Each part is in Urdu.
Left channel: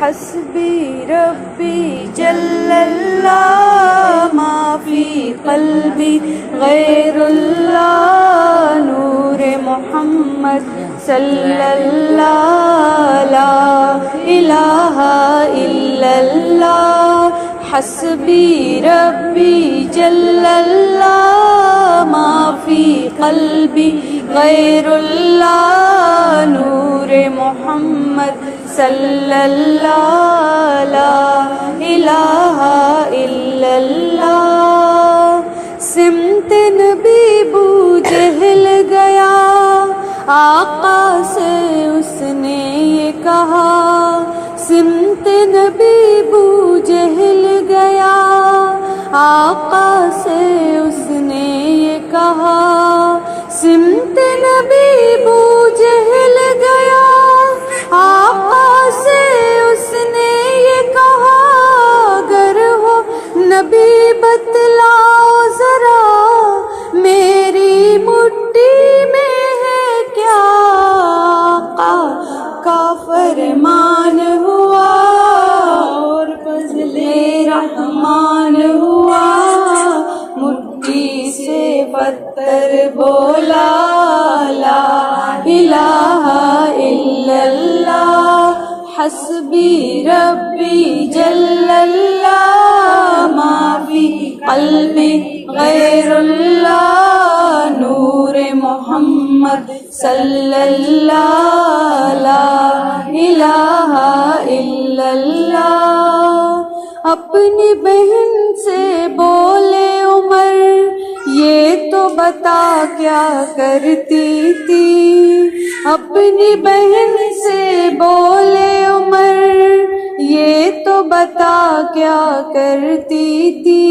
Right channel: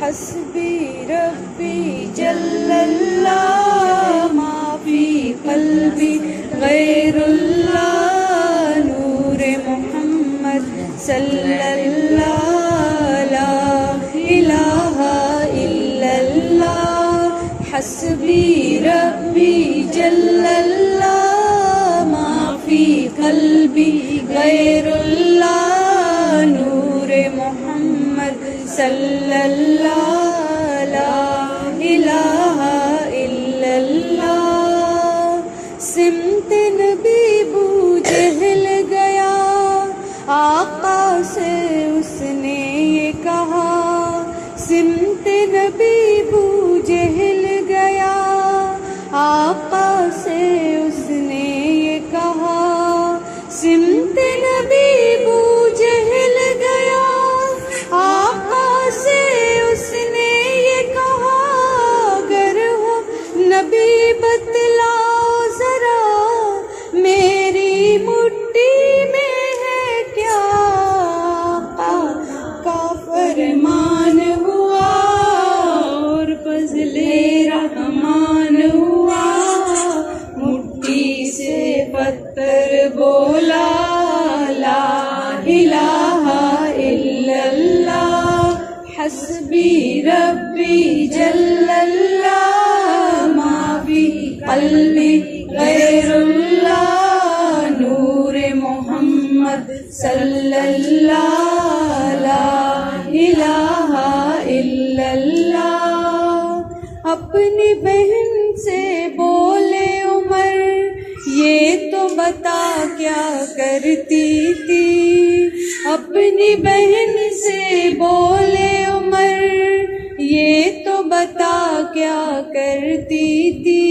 حسبی ربی جل اللہ ما فی قلبی غیر اللہ نور محمد صلی اللہ لا الہ الا اللہ حسبی ربی جل اللہ ما فی قلبی غیر اللہ نور محمد صلی اللہ لا الہ الا اللہ سمت نبی بو جہل گیا آقا سے اس نے یہ کہا سمت نبی بو جہل گیا آقا سے اس نے یہ کہا سمت نبی بو جہل گیا آقا سے اس نے یہ کہا اگر ہو نبی بتلاؤ ذرا میری مٹھی میں ہے کیا آقا کا فرمان ہوا اور فضل رحمان ہوا مٹھی سے پتھر بولا لا الہ الا اللہ حسبی ربی جل اللہ ما فی قلبی غیر اللہ نور محمد صلی اللہ لا الہ الا اللہ اپنی بہن سے بولے عمر یہ تو بتا کیا کرتی تھی اپنی بہن سے بولے عمر یہ تو بتا کیا کرتی تھی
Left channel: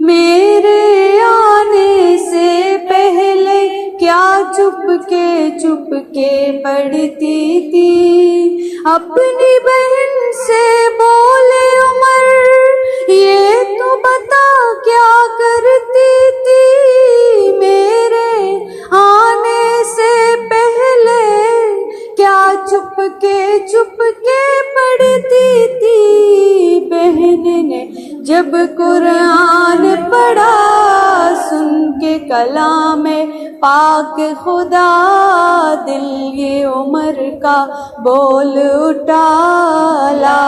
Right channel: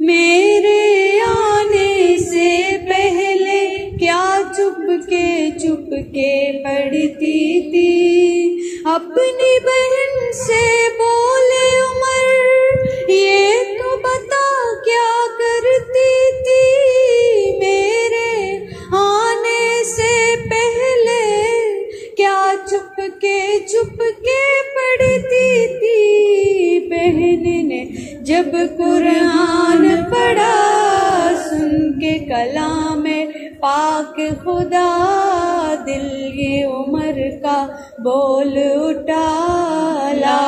میرے آنے سے پہلے کیا چپ کے پڑھتی تھی اپنی بہن سے بولے عمر یہ تو بتا کیا کرتی تھی میرے آنے سے پہلے کیا چپ کے پڑھتی تھی بہن نے جب قرآن پڑھا سن کے کلام پاک خدا دل یہ عمر کا بول اٹھا لا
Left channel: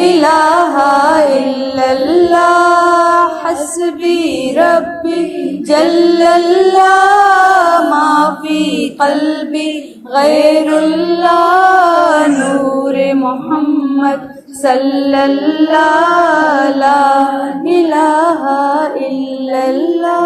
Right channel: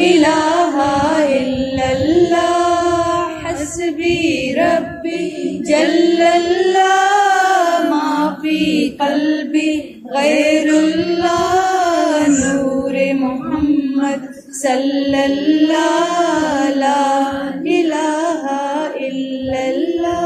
الہ الا اللہ حسبی ربی جل اللہ ما فی قلبی غیر اللہ نور محمد صلی اللہ لا الہ الا اللہ